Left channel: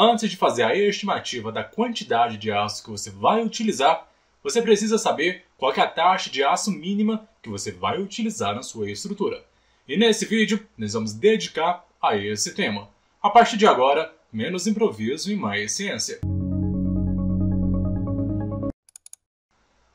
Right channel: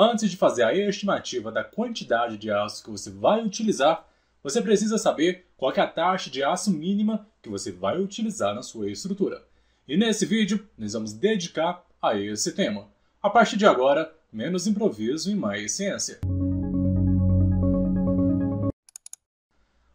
Antes de fazer a estimativa da quantidade de aço que você vai utilizar, você precisa saber qual é a taxa de aço mínima que você vai utilizar na sua estrutura. E nesse vídeo, nós vamos dedicar a esse tema. A partir de agora, menos improviso e mais ciência.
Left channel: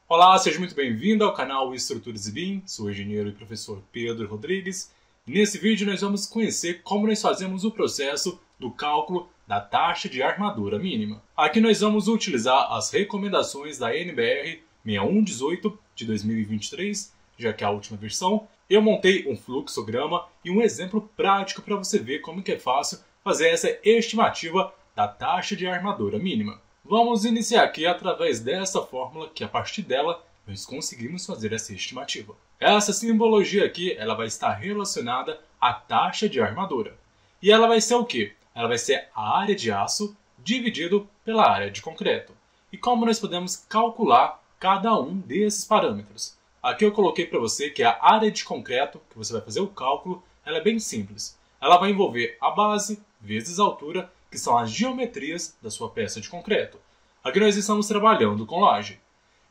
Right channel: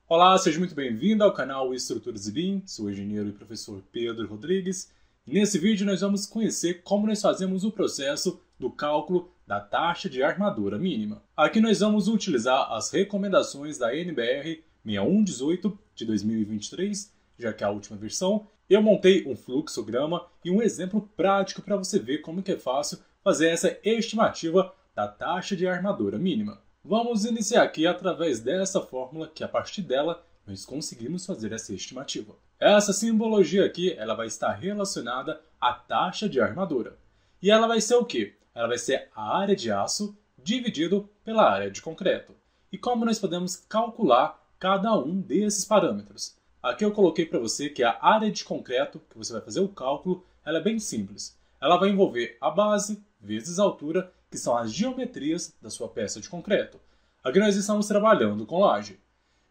Olá, seja muito bem-vindo ao canal Estruturas e BIM. Sou o engenheiro e professor Pedro Rodrigues. E nesse vídeo nós vamos conhecer como nós fazemos o processo do cálculo da taxa de armadura mínima. Aqui nós vamos utilizar as recomendações da NBR 6118 de 2023, já que é a última versão. Eu montei um fluxograma e um exemplo prático para você ver como que é fácil fazer essa estimativa da taxa de armadura mínima. Vamos iniciar aqui através dessa fórmula, que a partir dela nós conseguimos fazer essa estimativa. Essa simbologia aqui ela vai estar relacionada à taxa de armadura. E ela vai ser o quê? Ela vai ser a área de aço dividido pela área de concreto. E como nós podemos calcular cada um desses parâmetros? Aqui eu coloquei para você que a área de concreto, que você vai fazer o cálculo, ela é bem simples. Ela vai envolver a base vezes a altura, que são as geometrias da sua peça de concreto. Aqui nós estamos trabalhando com laje.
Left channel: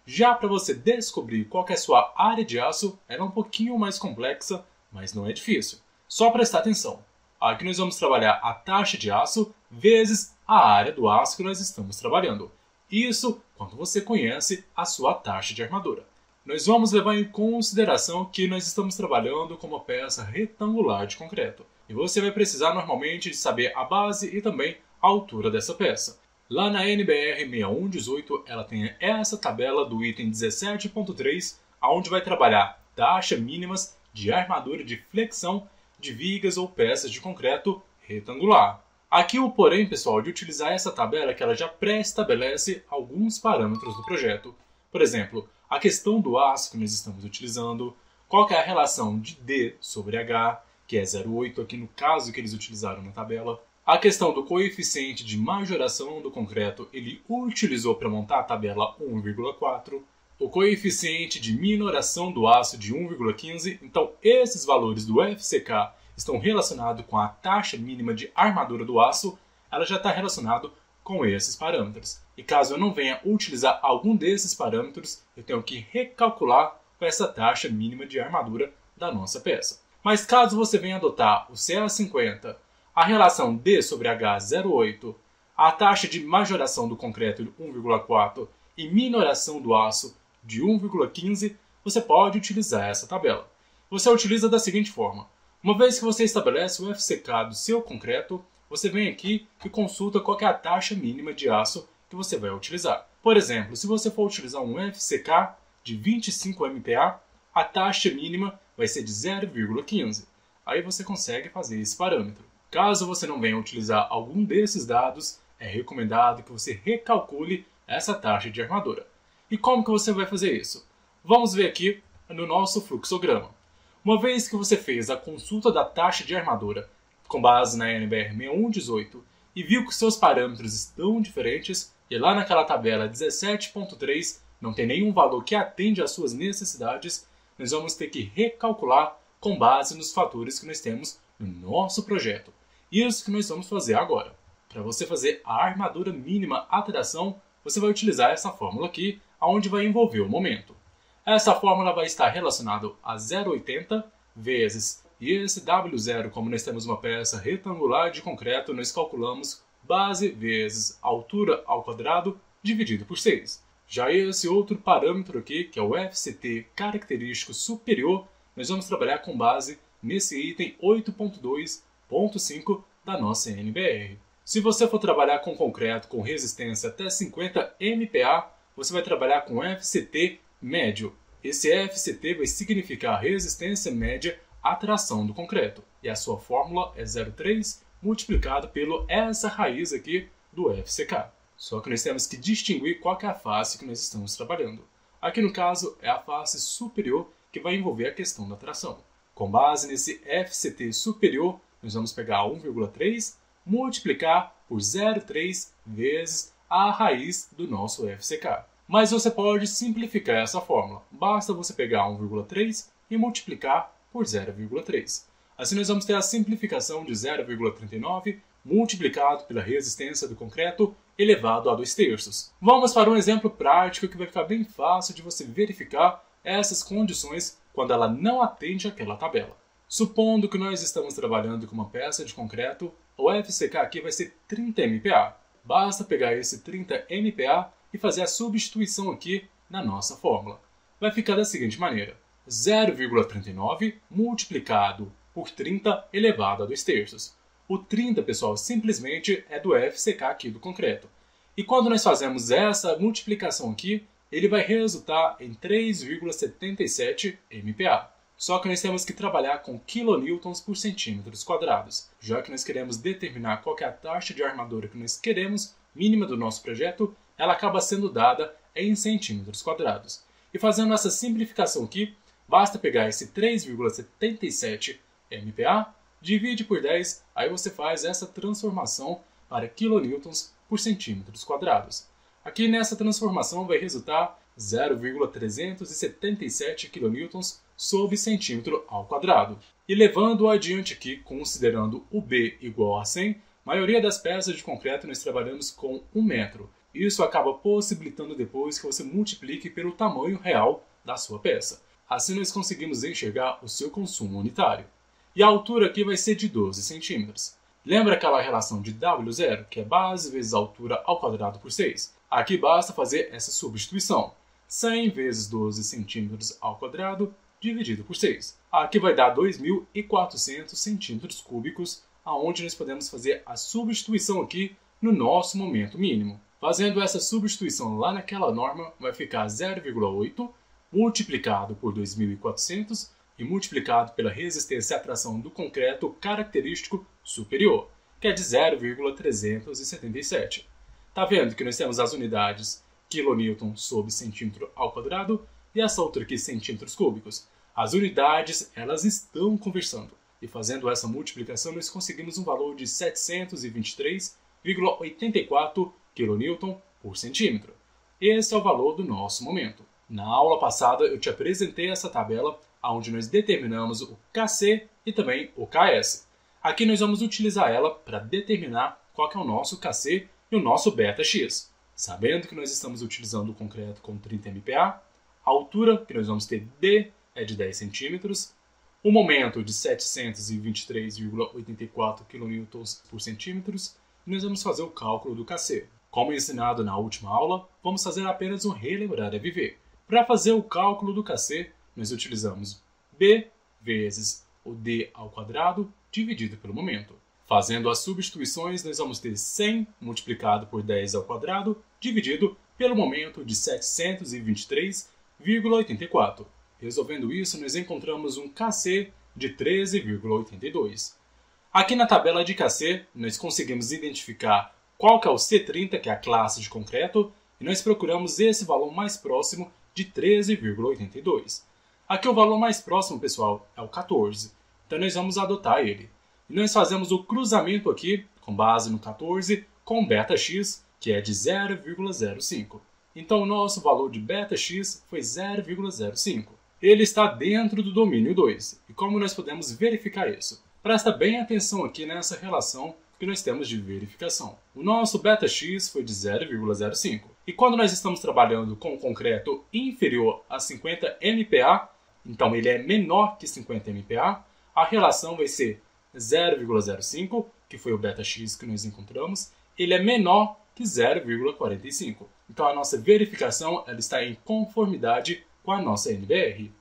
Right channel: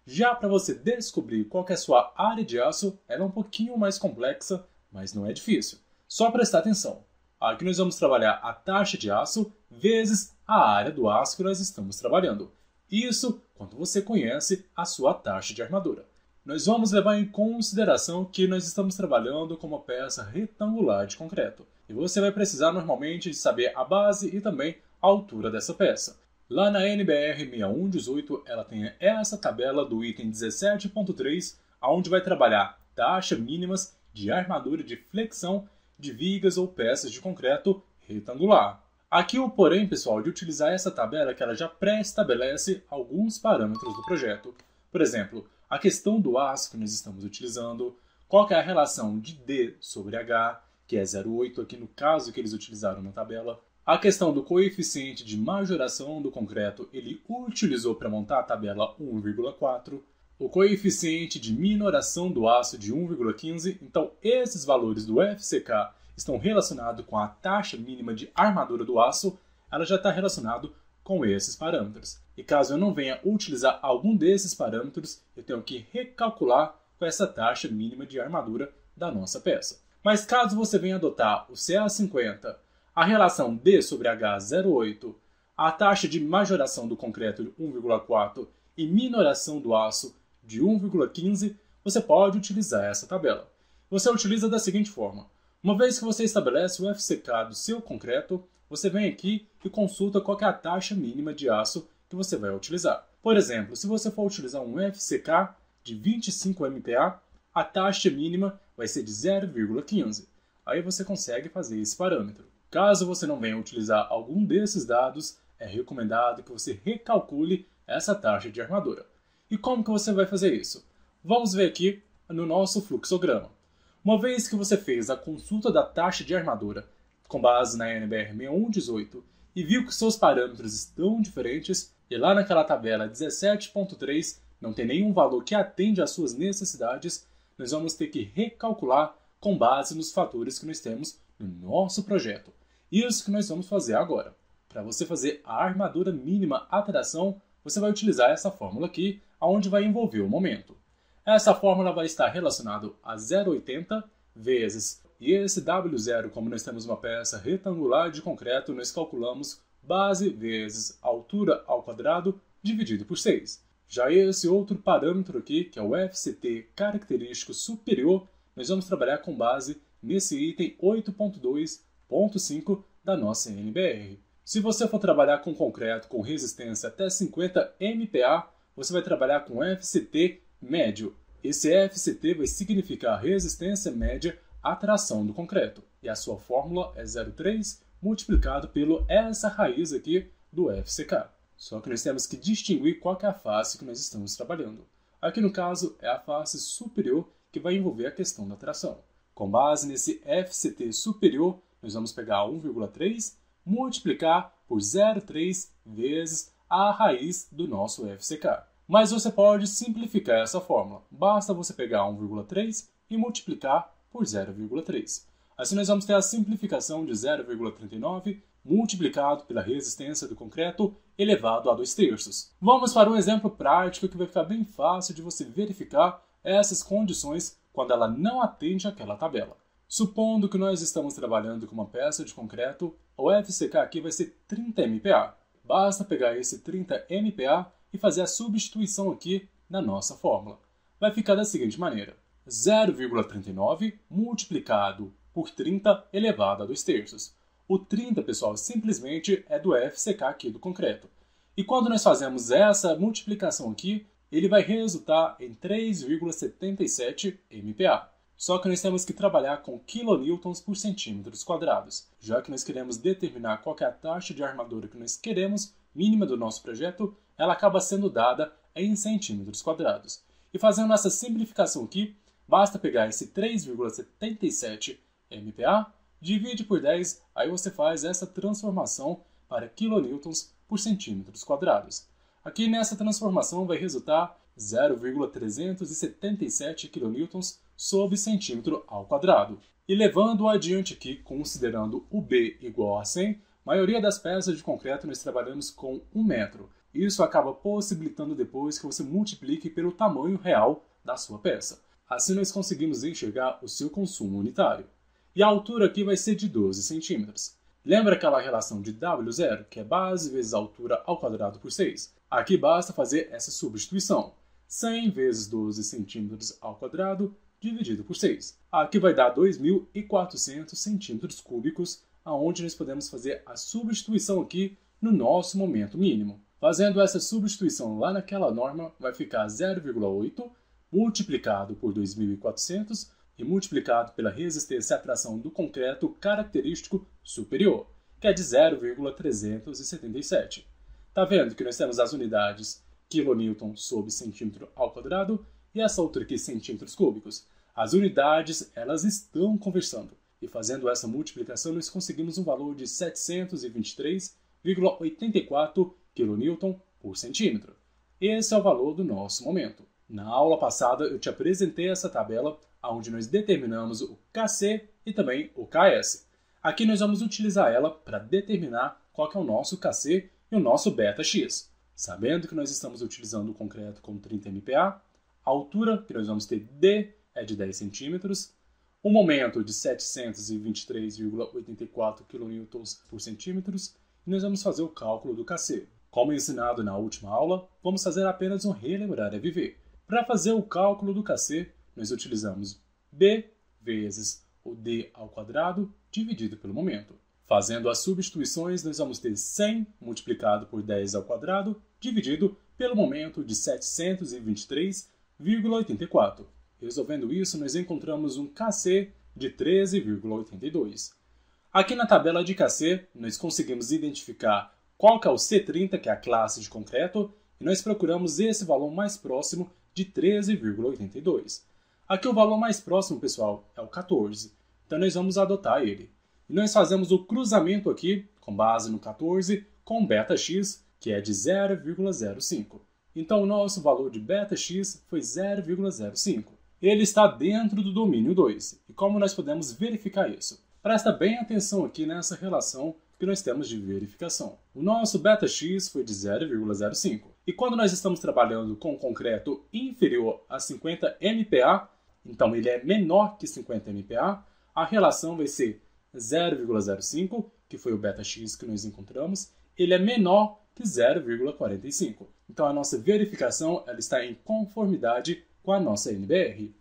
Já para você descobrir qual que é a sua área de aço, ela é um pouquinho mais complexa, mas não é difícil. Só prestar atenção. Aqui nós vamos trabalhar a taxa de aço vezes a área do aço que nós estamos trabalhando. Isso quando você conhece a sua taxa de armadura. Nós vamos levar em consideração que nós estamos trabalhando com uma peça retangular de concreto. E você vai precisar normalmente de saber a base e também a altura dessa peça. Lá na NBR 6118 ela tem essa tabela do item 17.3, onde vai trabalhar taxa mínimas de armadura de flexão de vigas ou peças de concreto retangular. Aqui o porém, pessoal, de utilizar essa tabela é que ela já pré-estabelece alguns parâmetros do projeto. Por exemplo, a questão do aço que nós estamos utilizando, qual que é a relação de D sobre H, que é 0,8 aqui no caso que eles utilizaram na tabela. A questão do coeficiente de majoração do concreto, ele utilizou para montar a tabela 1,4. O coeficiente de minoração do aço de 1,15. Então, esses valores do FCK estão relacionados com a taxa mínima de armadura do aço. Ela já está relacionado com esses parâmetros. E caso eu não venha utilizar algum desses parâmetros, eu tenho que recalcular com essa taxa mínima de armadura da nossa peça. Mas caso você venha adotar o CA50, a relação D sobre H 0,8, a taxa de majoração do concreto de 1,4 e minoração do aço de 1,15, você pode utilizar essa tabela. Você utiliza da seguinte forma. Uma vez que você estabelece o FCK do seu concreto, você vem aqui e consulta qual é a taxa mínima de aço que você vai utilizar. Por exemplo, se você for utilizar um FCK de 25 MPa, a taxa mínima vai ser de 0,15. Aí você consegue fazer esse parâmetro. Caso você não venha utilizar algum desses dados, é recomendado que você recalcule essa taxa de armadura. E como que você vai fazer isso? Vamos ver aqui no nosso fluxograma. Uma vez que você fez a consulta da taxa de armadura com base na NBR 6118 e viu que seus parâmetros estão diferentes e lá naquela tabela 17.3 não tem nenhum valor que atende às suas necessidades, nós vamos ter que recalcular com base nos fatores que nós temos no nosso projeto. Isso que nós vamos fazer agora. Para você fazer a armadura mínima atração, você vai utilizar essa fórmula aqui, onde vai envolver o momento. Essa fórmula vai estar relacionada a 0,80 vezes, e esse W0, como nós temos uma peça retangular de concreto, nós calculamos base vezes altura ao quadrado dividido por 6. Já esse outro parâmetro aqui, que é o FCT característico superior, nós vamos trabalhar com base nesse item 8.2.5 da nossa NBR. Se você for trabalhar com concreto com resistência até 50 MPa, você vai trabalhar com FCT médio. Esse FCT vai significar resistência média à tração do concreto. E a sua fórmula é 0,3 multiplicado pelo essa raiz aqui do FCK. Só que nós temos que distinguir qual que é a face que nós estamos trabalhando. Aqui no caso é a face superior que vai envolver a questão da tração. Com base nesse FCT superior, nós vamos pegar 1,3 multiplicar por 0,3 vezes a raiz do nosso FCK. Mas você pode simplificar essa fórmula. Basta você pegar 1,3 e multiplicar por 0,3. Assim nós vamos ter a simplificação de 0,39 multiplicado pela resistência do concreto elevado a 2/3. Vamos para um exemplo prático que vai ficar bem fácil de você verificar essas condições quando ela não atende àquela tabela. Supondo que nós estamos trabalhando com uma peça de concreto, o FCK aqui vai ser 30 MPa. Basta pegar esse 30 MPa e fazer a substituição aqui na nossa fórmula. Vai ficar da seguinte maneira: 0,39 multiplicado por 30 elevado a 2/3. O 30, pessoal, simplesmente é do FCK aqui do concreto. E quando nós fazemos essa multiplicação aqui, ele vai resultar em 3,77 MPa. Só que nós temos que trabalhar com kilonewtons por centímetros quadrados. Já que nós queremos determinar qual é a taxa de armadura que nós queremos, mínima do nosso projeto, ela acaba sendo dada em centímetros quadrados. E fazendo essa simplificação aqui, basta pegar esse 3,77 MPa, divide por 10, aí você faz essa transformação para kilonewtons por centímetros quadrados. Aqui nessa transformação vai resultar 0,377 kN sobre centímetro ao quadrado. E levando adiante aqui, considerando o B igual a 100, a maioria das peças de concreto nós trabalhamos com 1 metro. Isso acaba possibilitando depois que você multiplique pelo tamanho real da sua peça. Assim nós conseguimos enxergar o seu consumo unitário. E a altura aqui vai ser de 12 centímetros. Lembra aquela relação de W0, que é base vezes altura ao quadrado por 6? Aqui basta fazer essa substituição. 100 vezes 12 centímetros ao quadrado dividido por 6. Aqui vai dar 2.400 centímetros cúbicos, aonde nós podemos fazer a substituição aqui no nosso momento mínimo. Fazendo essa substituição lá naquela norma, vai ficar 0,8 multiplicado por 2.400 e multiplicado pela resistência à tração do concreto característico superior, que é de 0,377. Tá vendo que nós temos as unidades kN sobre centímetro ao quadrado e essa outra aqui centímetros cúbicos. As unidades, elas estão conversando. E fazendo essa multiplicação, nós conseguimos um valor de 723,84 kN por centímetro. Esse é o valor do nosso momento. Na aula passada, eu te apresentei essa tabela onde nós determinamos o KC e também o KS. Aqui nós vamos utilizar ela para determinar qual que é o nosso KC e o nosso βx. Sabendo que nós estamos utilizando o concreto com 30 MPa, a altura que nós vamos ter D é de 10 centímetros, o momento de 723,84 kN por centímetros, e nós vamos fazer o cálculo do KC. Como ensinado na última aula, vamos fazer apenas um relembrar a viver. Para fazer o cálculo do KC, nós utilizamos B vezes o D ao quadrado dividido pelo momento. Fazendo as substituições, nós vamos ter 100 multiplicado por 10 ao quadrado dividido pelo momento de 723,84. Resolvendo isso, nós encontramos um KC de 13,82. Aqui na tabela de KC, nós conseguimos identificar qual que é o C30, que é a classe de concreto, e nós procuramos esse valor mais próximo de 13,82. Aqui o valor mais próximo, pessoal, é o 14. Então nós vamos adotar ele. E nós fazemos o cruzamento aqui, com base no 14, com βx, que é de 0,05. Então o nosso valor de βx foi 0,05. Ele está dentro do domínio 2. E como nós podemos verificar isso? Presta bem atenção aqui nessa relação que nós temos de verificação. O nosso βx foi de 0,05. E quando nós estamos trabalhando com concreto inferior a 50 MPa, então ele é menor que 50 MPa, a relação vai ser 0,05, que foi o βx que nós encontramos, ele é menor que 0,45. Então a nossa verificação ela está em conformidade com a nossa NBR.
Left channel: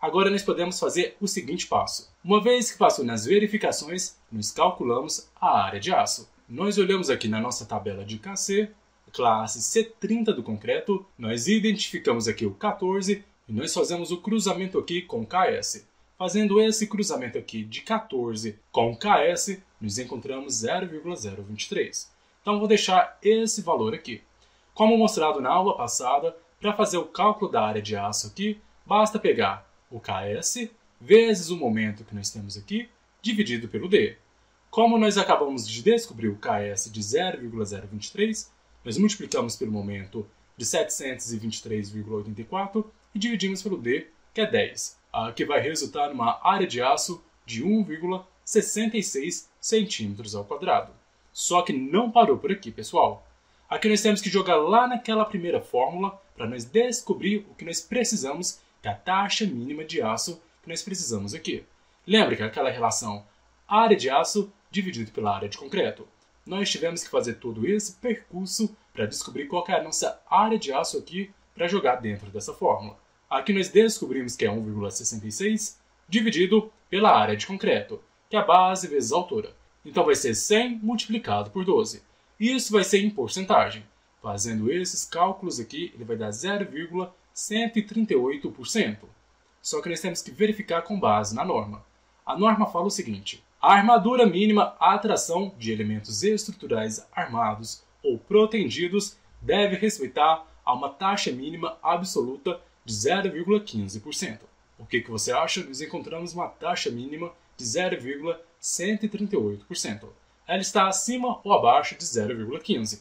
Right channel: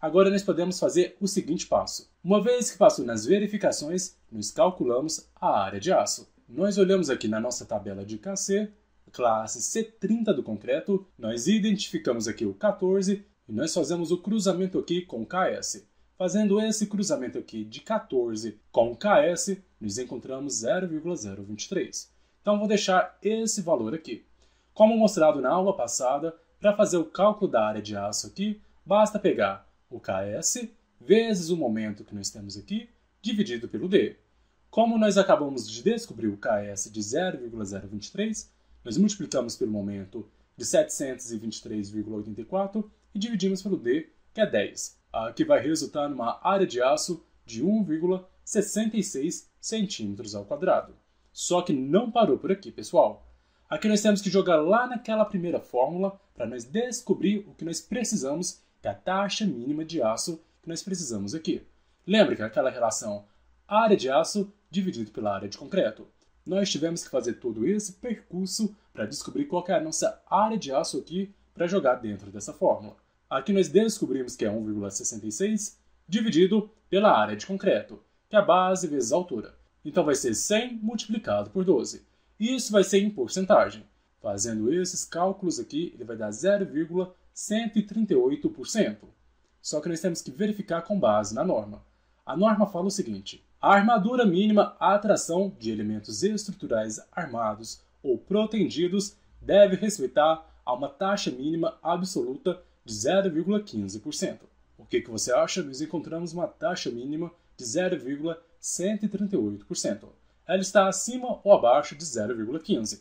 Agora nós podemos fazer o seguinte passo. Uma vez que passou nas verificações, nós calculamos a área de aço. Nós olhamos aqui na nossa tabela de KC, classe C30 do concreto, nós identificamos aqui o 14 e nós fazemos o cruzamento aqui com KS. Fazendo esse cruzamento aqui de 14 com KS, nós encontramos 0,023. Então vou deixar esse valor aqui. Como mostrado na aula passada, para fazer o cálculo da área de aço aqui, basta pegar o KS vezes o momento que nós temos aqui, dividido pelo D. Como nós acabamos de descobrir o KS de 0,023, nós multiplicamos pelo momento de 723,84 e dividimos pelo D, que é 10, que vai resultar numa área de aço de 1,66 centímetros ao quadrado. Só que não parou por aqui, pessoal. Aqui nós temos que jogar lá naquela primeira fórmula para nós descobrir o que nós precisamos, que é a taxa mínima de aço que nós precisamos aqui. Lembra que é aquela relação área de aço dividido pela área de concreto? Nós tivemos que fazer todo esse percurso para descobrir qual que é a nossa área de aço aqui para jogar dentro dessa fórmula. Aqui nós descobrimos que é 1,66 dividido pela área de concreto, que é a base vezes a altura. Então vai ser 100 multiplicado por 12. E isso vai ser em porcentagem. Fazendo esses cálculos aqui, ele vai dar 0,138%. Só que nós temos que verificar com base na norma. A norma fala o seguinte: a armadura mínima à atração de elementos estruturais armados ou protendidos deve respeitar a uma taxa mínima absoluta de 0,15%. O que você acha? Nós encontramos uma taxa mínima de 0,138%. Ela está acima ou abaixo de 0,15%.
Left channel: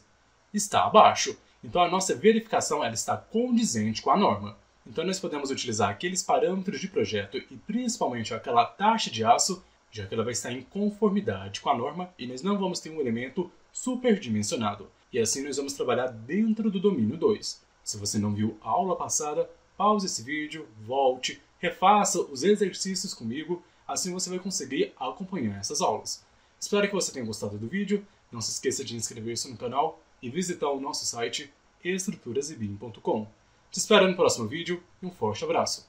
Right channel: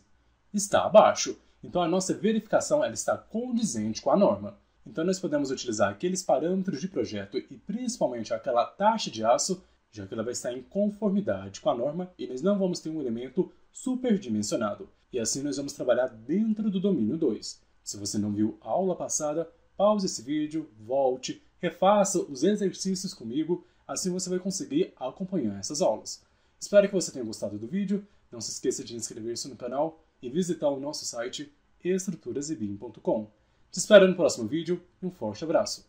Está abaixo. Então a nossa verificação ela está condizente com a norma. Então nós podemos utilizar aqueles parâmetros de projeto e principalmente aquela taxa de aço, já que ela vai estar em conformidade com a norma e nós não vamos ter um elemento superdimensionado. E assim nós vamos trabalhar dentro do domínio 2. Se você não viu a aula passada, pause esse vídeo, volte, refaça os exercícios comigo, assim você vai conseguir acompanhar essas aulas. Espero que você tenha gostado do vídeo, não se esqueça de inscrever-se no canal e visitar o nosso site estruturasebim.com. Te espero no próximo vídeo e um forte abraço!